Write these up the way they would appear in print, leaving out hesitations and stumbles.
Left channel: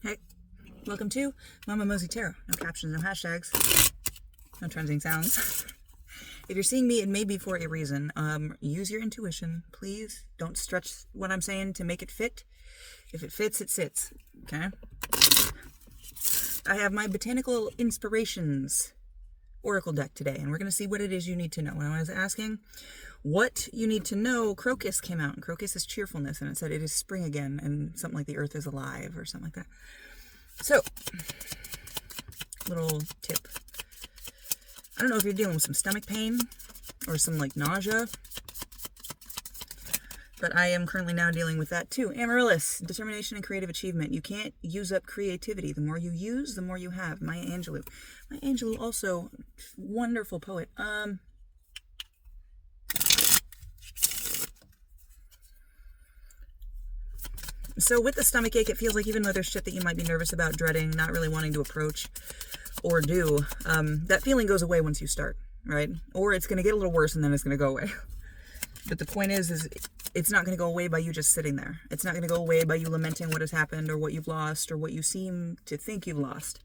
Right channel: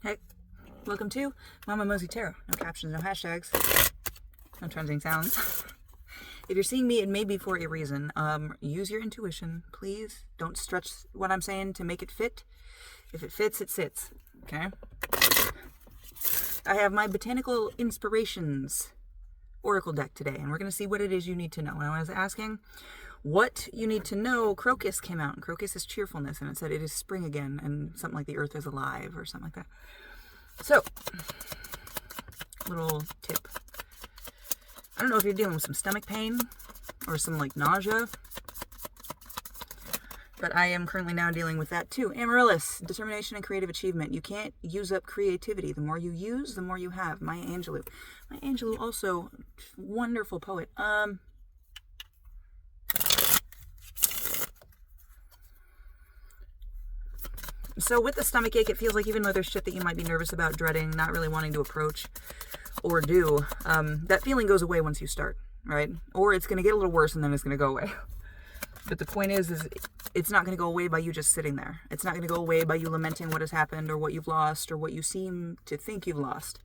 Hey, welcome to Mama Mosey Tarot. No captions, no hashtags, no trending sounds. If you're seeing me, it may be for a reason. Use your intuition, please. Don't stretch what I'm saying to make it fit. If it fits, it sits. Okay? I have my Botanical Inspirations Oracle deck today, and we're going to see what it is you need to know. When I was asking what you need to know, Crocus came out, and Crocus is cheerfulness, and it said it is spring again, and something like the earth is alive, or something like that. So, little tip. I don't know if you're dealing with some stomach pain or some like nausea, but I am currently now dealing with that too. Amaryllis, determination and creative achievement. You can't use up creativity. The more you use, the more you have. Maya Angelou. Maya Angelou, also wonderful poet. So with the stomach ache, it feels like even though there's shit that you might be nervous about, dreading, not really wanting to approach or do, that feeling goes away once you start, right? Or it's going to get a little worse and then it's going to go away. But the point is it's not going to go away by you just sitting there. It's not going to go away by you lamenting what has happened or what you've lost or what you seem to think you've lost.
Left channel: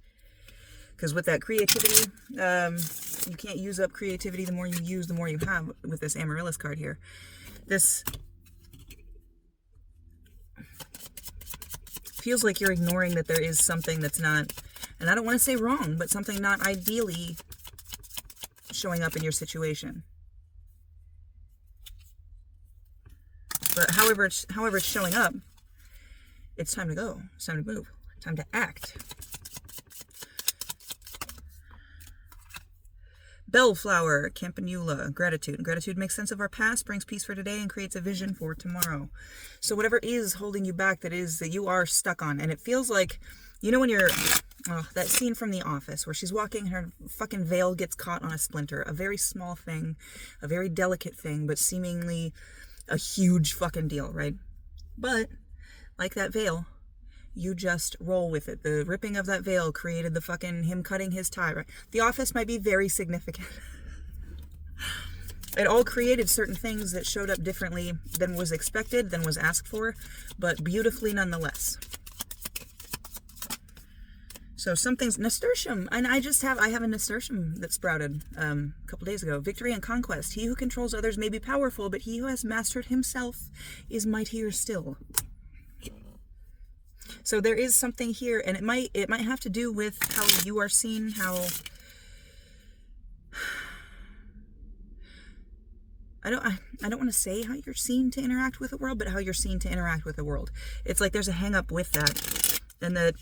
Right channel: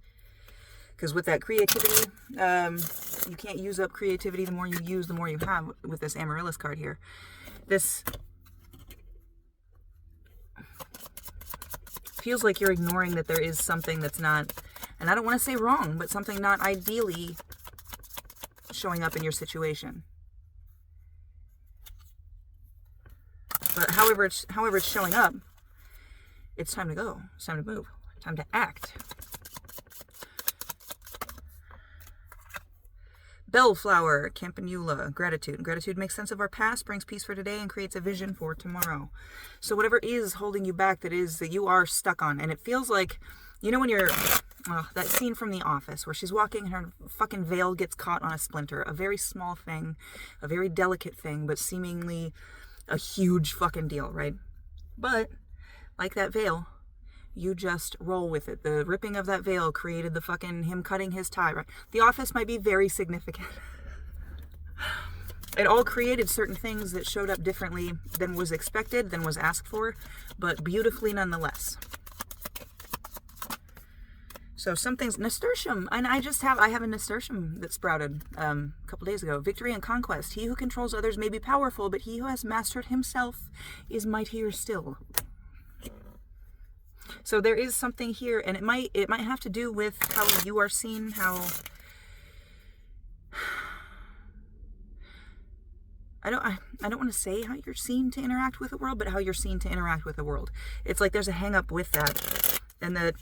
Because with that creativity, you can't use up creativity. The more you use, the more you have with this Amaryllis card here. This feels like you're ignoring that there is something that's not, and I don't want to say wrong, but something not ideally showing up in your situation. But however it's showing up, it's time to go. It's time to move. Time to act. Bellflower, Campanula, gratitude. Gratitude makes sense of our past, brings peace for today, and creates a vision for tomorrow. So whatever is holding you back, that you are stuck on, and it feels like, you know when you're, that scene from The Office where she's walking and her fucking veil gets caught on a splinter. A very small thing, a very delicate thing, but seemingly a huge fucking deal, right? But, like that veil, you just roll with it. The ripping of that veil created the fucking him cutting his tie, right? The Office might be very significant. It all created certain things that showed up differently than was expected, than was asked for, but beautifully nonetheless. So something's nasturtium, and I have a nasturtium that sprouted a couple days ago. Victory and conquest. He who controls others may be powerful, but he who has mastered himself is mightier still. So there is something here, and it might have to do with how you are seen, how I don't want to say how you're seen to interact with the world, but how you're seen to interact with the world. It's like there's a hang up with that, and that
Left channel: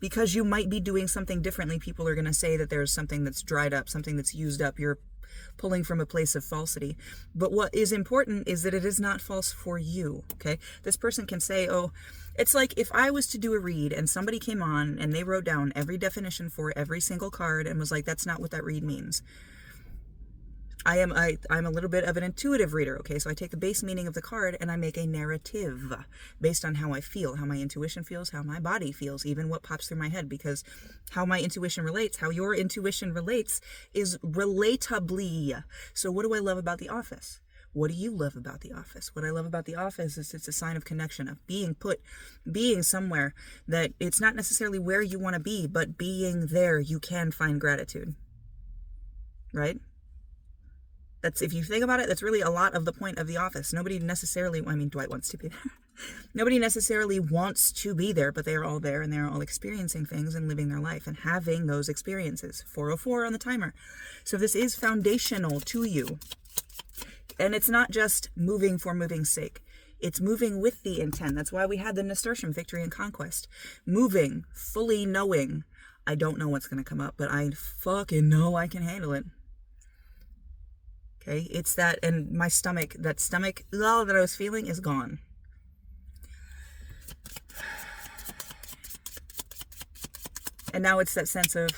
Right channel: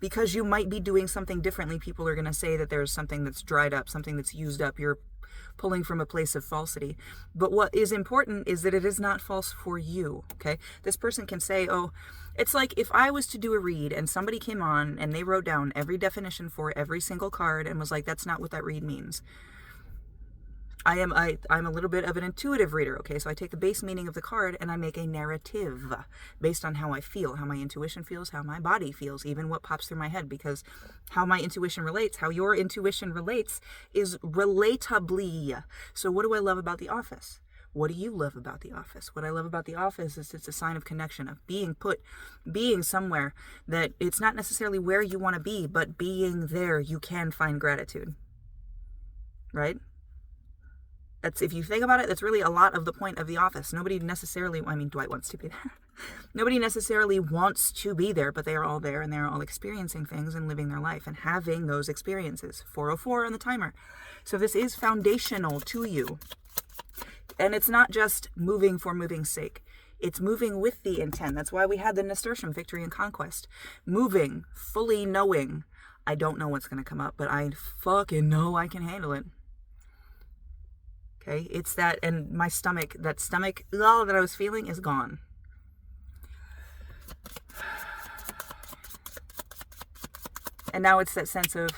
because you might be doing something differently, people are going to say that there's something that's dried up, something that's used up. You're pulling from a place of falsity. But what is important is that it is not false for you, okay? This person can say, oh, it's like if I was to do a read and somebody came on and they wrote down every definition for every single card and was like, that's not what that read means. I'm a little bit of an intuitive reader, okay? So I take the base meaning of the card and I make a narrative based on how I feel, how my intuition feels, how my body feels, even what pops through my head, because how my intuition relates, how your intuition relates is relatably. So what do I love about The Office? What do you love about The Office? What I love about The Office is it's a sign of connection, of being somewhere that it's not necessarily where you want to be, but being there, you can find gratitude, right? That's, if you think about it, that's really a lot of the point of The Office. Nobody necessarily, I mean, Dwight wants to be there. Nobody necessarily wants to be there, but they are all there and they're all experiencing things and living their life and having those experiences. 404 on the timer. So this is foundational to you. And it's not just moving for moving's sake. It's moving with the intent. That's why we had the nasturtium, victory and conquest. Moving, fully knowing, I don't know what's going to come up, but I fucking know I can handle it. Okay, it's that, and my stomach, that I was feeling is gone. And now it's that sense of,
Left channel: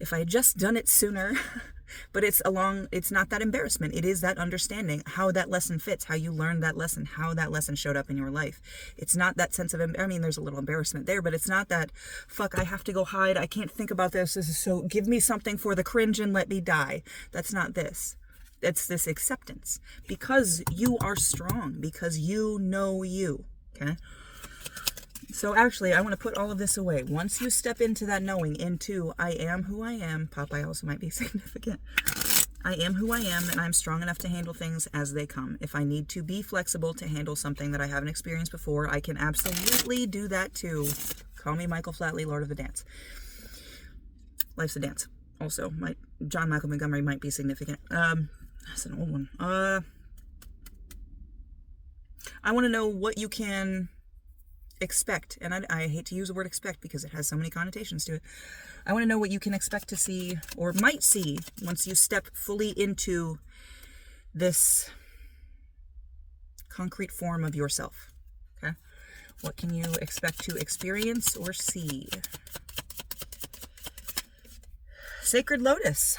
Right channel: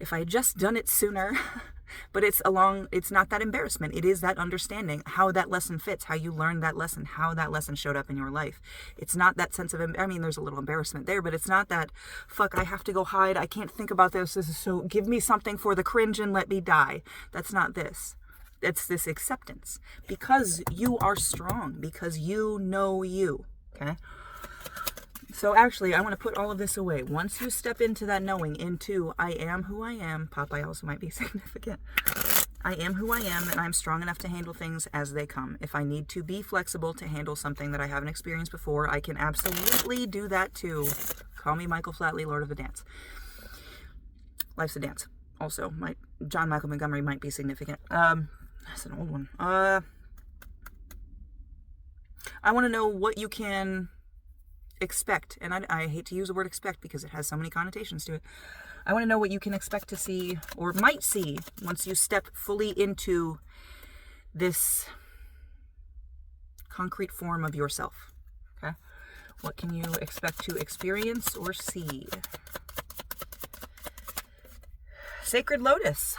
if I had just done it sooner, but it's not that embarrassment. It is that understanding, how that lesson fits, how you learned that lesson, how that lesson showed up in your life. It's not that sense of, I mean, there's a little embarrassment there, but it's not that, fuck, I have to go hide. I can't think about this. This is so, give me something for the cringe and let me die. That's not this. It's this acceptance, because you are strong, because you know you, okay? So actually, I want to put all of this away. Once you step into that knowing, into I am who I am, Popeye also might be significant. I am who I am, and I'm strong enough to handle things as they come. If I need to be flexible to handle something that I haven't experienced before, I can absolutely do that too. Call me Michael Flatley, Lord of the Dance. Life's a Dance. Also, John Michael Montgomery might be significant. That's an old one. I want to know what you can expect, and I hate to use the word expect because it has so many connotations to it. I want to know what you can expect to see, or might see, once you step fully into this concrete form of yourself. Okay? What can you expect to experience or see? Sacred Lotus.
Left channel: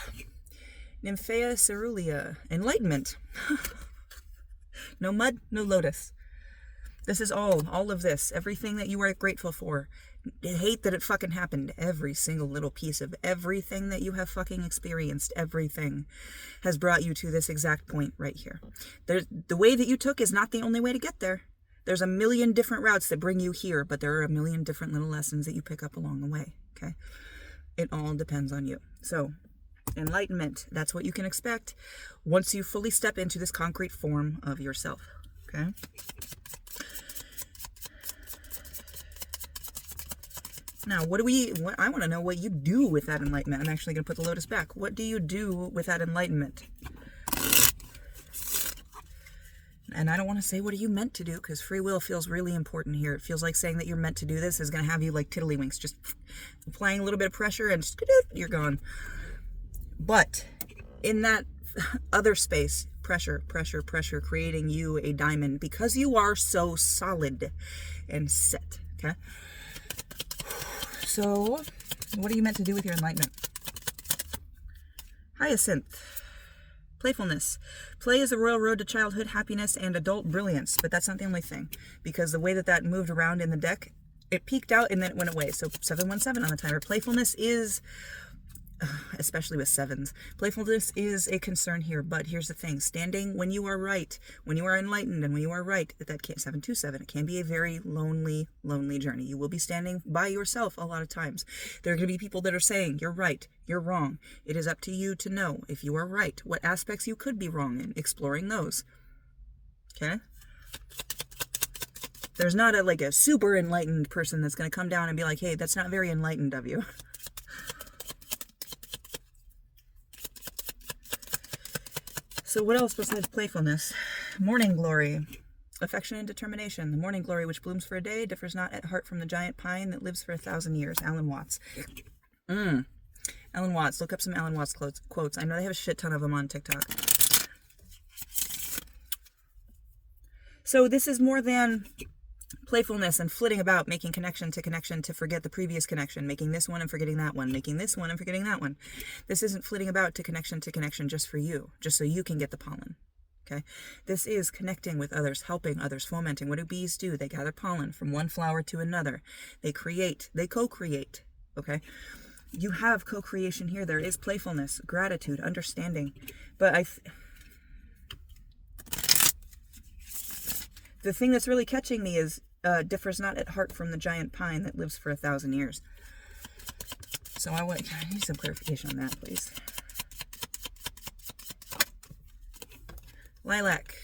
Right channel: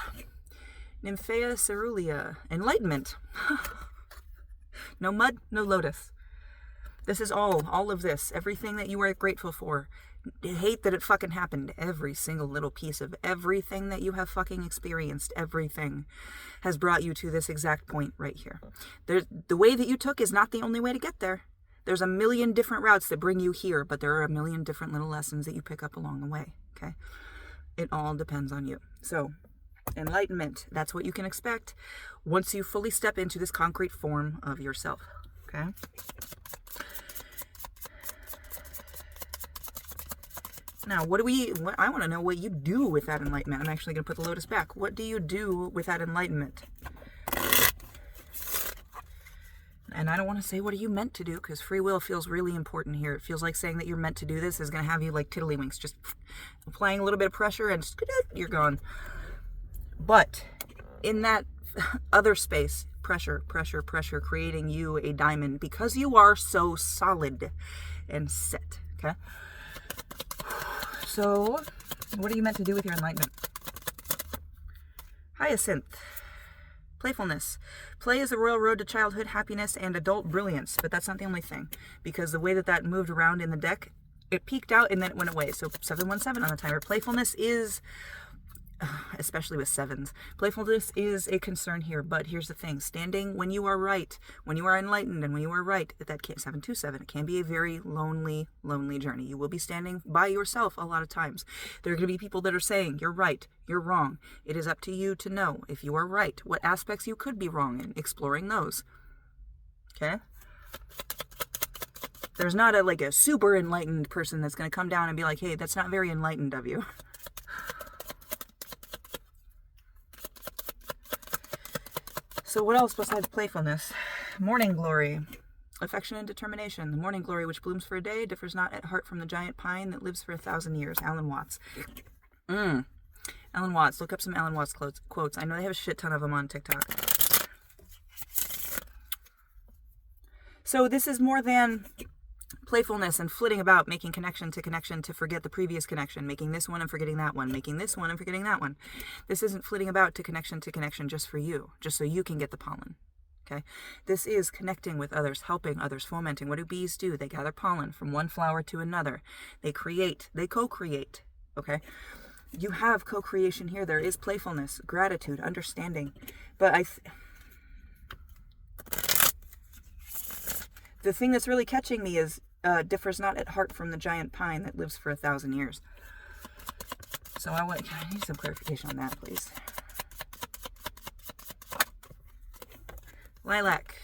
Nymphaea Cerulea. Enlightenment. No mud, no lotus. This is all of this, everything that you are grateful for. Hate that it fucking happened. Every single little piece of everything that you have fucking experienced, everything has brought you to this exact point right here. The way that you took is not the only way to get there. There's a million different routes that bring you here, but there are a million different little lessons that you pick up along the way, okay? It all depends on you. So, enlightenment, that's what you can expect once you fully step into this concrete form of yourself, okay? Now, I want to know what you do with that enlightenment. I'm actually going to put the lotus back. What do you do with that enlightenment? And I don't want to say what are you meant to do, because free will feels really important here. It feels like saying that you're meant to do this is going to have you like tiddlywinks, just applying a little bit of pressure and you're gone. But in that other space, pressure, creating you a diamond because you are so solid and set, okay? So, what are you meant to do with your enlightenment? Hyacinth. Playfulness. Play is the royal road to childhood happiness and adult brilliance, but that's not the only thing, because the way that moved around in the deck, it peaked out and then it went away. So 717 on the timer. Playfulness is, especially with sevens, playfulness is a concern here, but here's the thing. Standing when you are right, when you are enlightened and when you are right, 727, it can be a very lonely journey. You will be standing by yourself a lot of times. There are going to be people that are saying, you're right, you're wrong. It is up to you to know if you are right, what aspects you could be wrong in, exploring those. Okay? There's not a super enlightened person that's going to come down and be like, hey, that's not very enlightened of you. So what else besides playfulness? Morning glory. Affection and determination. The morning glory, which blooms for a day, differs not at heart from the giant pine that lives for 1,000 years. Alan Watts. Alan Watts. Look up some Alan Watts quotes. I know they have a shit ton of them on TikTok. So this is more than playfulness and flitting about, making connection to forget the previous connection, making this one and forgetting that one, making this one and forgetting that one. This isn't flitting about to connection just for you, just so you can get the pollen. Okay? This is connecting with others, helping others, fomenting. What do bees do? They gather pollen from one flower to another. They create, they co-create. Okay? You have co-creation here. There is playfulness, gratitude, understanding. But the thing that's really catching me is differs not at heart from the giant pine that lives for 1,000 years. So I need some clarification on that, please. Lilac.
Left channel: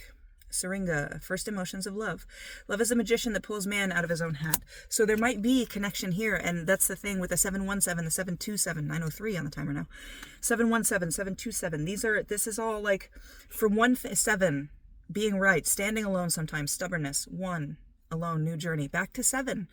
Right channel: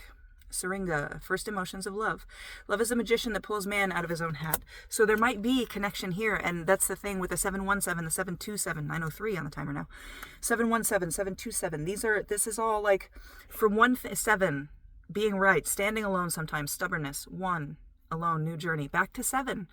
Syringa. First emotions of love. Love is a magician that pulls man out of his own hat. So there might be connection here, and that's the thing with the 717, the 727, 903 on the timer now. 717, 727. This is all like from 7, being right, standing alone sometimes, stubbornness, 1, alone, new journey, back to 7,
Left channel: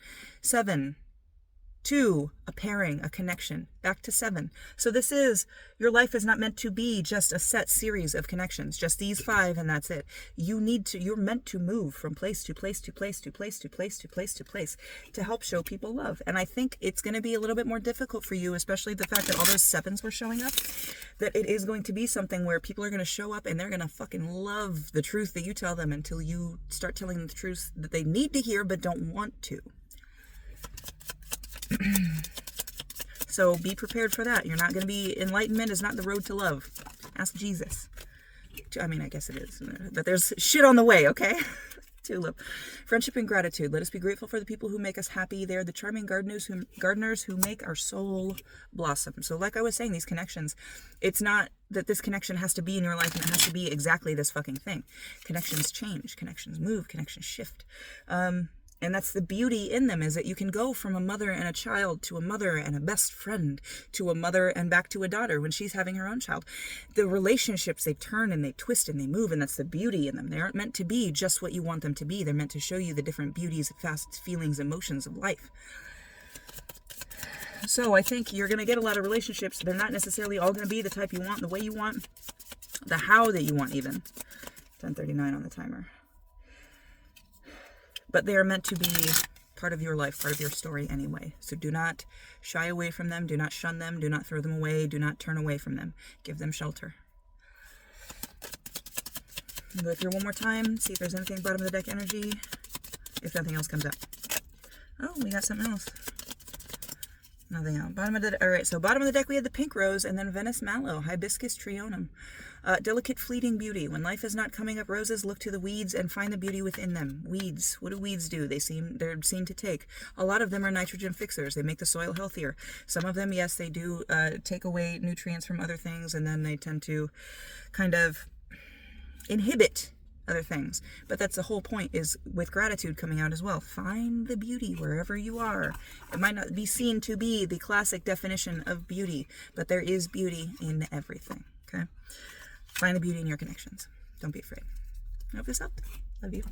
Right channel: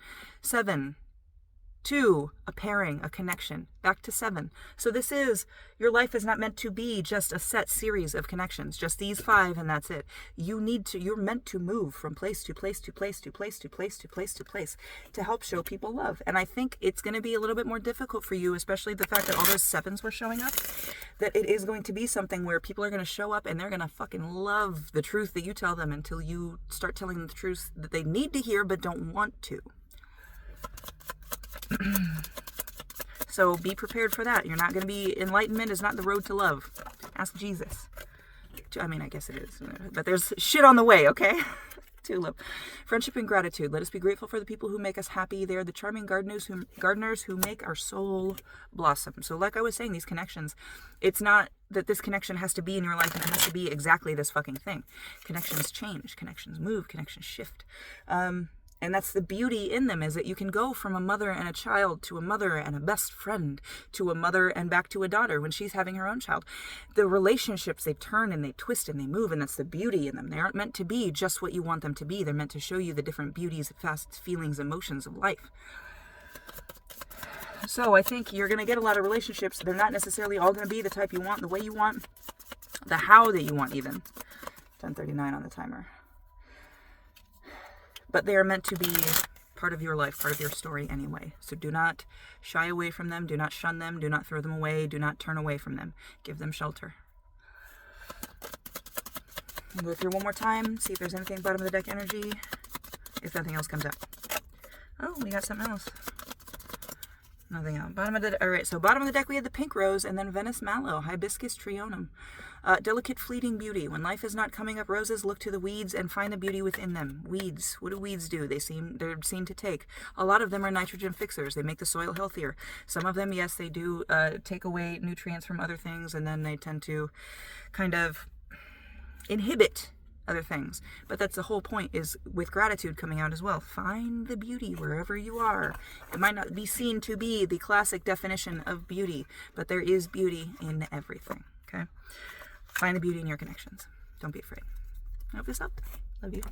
2, a pairing, a connection, back to 7. So this is, your life is not meant to be just a set series of connections, just these 5 and that's it. You're meant to move from place to place to place to place to place to place to place to help show people love. And I think it's going to be a little bit more difficult for you, especially the fact that all those 7s were showing up, that it is going to be something where people are going to show up and they're going to fucking love the truth that you tell them until you start telling them the truth that they need to hear but don't want to. So be prepared for that. You're not going to be, enlightenment is not the road to love. Ask Jesus. I mean, I guess it is, but there's shit on the way, okay? Tulip. Friendship and gratitude. Let us be grateful for the people who make us happy. They are the charming gardeners who make our soul blossom. So like I was saying, these connections, it's not that this connection has to be in your life and it has to be exactly this fucking thing. Connections change, connections move, connections shift. And that's the beauty in them, is that you can go from a mother and a child to a mother and a best friend to a mother and back to a daughter when she's having her own child. The relationships, they turn and they twist and they move, and that's the beauty in them. They aren't meant to be just what you want them to be. They're meant to show you the different beauties, fast feelings, emotions of life. So I think you're going to get a lot of relationships. They're not necessarily all going to be the type you want, the way you want, the how that you want even. 10:39 on the timer. But they are meant to be part of your life, part of your story anyway. So do not shy away from them. Do not shun them. Do not throw them away. Do not turn away from them. Give them shelter. Go through one more time. See if there's anything bottom of the deck energy. If nothing else comes up. Oh, we got something else. Nothing else. Alright, so bottom of the deck we had the pink rose and then Venice mallow, hibiscus trionum. Delicate fleeting beauty. When life is not coming up roses, look to the weeds and find the beauty within them. Weeds. What do weeds do? They're seen to take. A lot of them are nitrogen fixers. They make the soil healthier. Some of them, yes, they do take away nutrients from other things, and then they tend to kind of inhibit other things. But that's the whole point, is with gratitude coming out as well. Find the beauty wherever you are. It might not be seen to be the classic definition of beauty, but there is beauty in everything. Okay? Find the beauty in your connections. Don't be afraid. I hope this helped. Love you.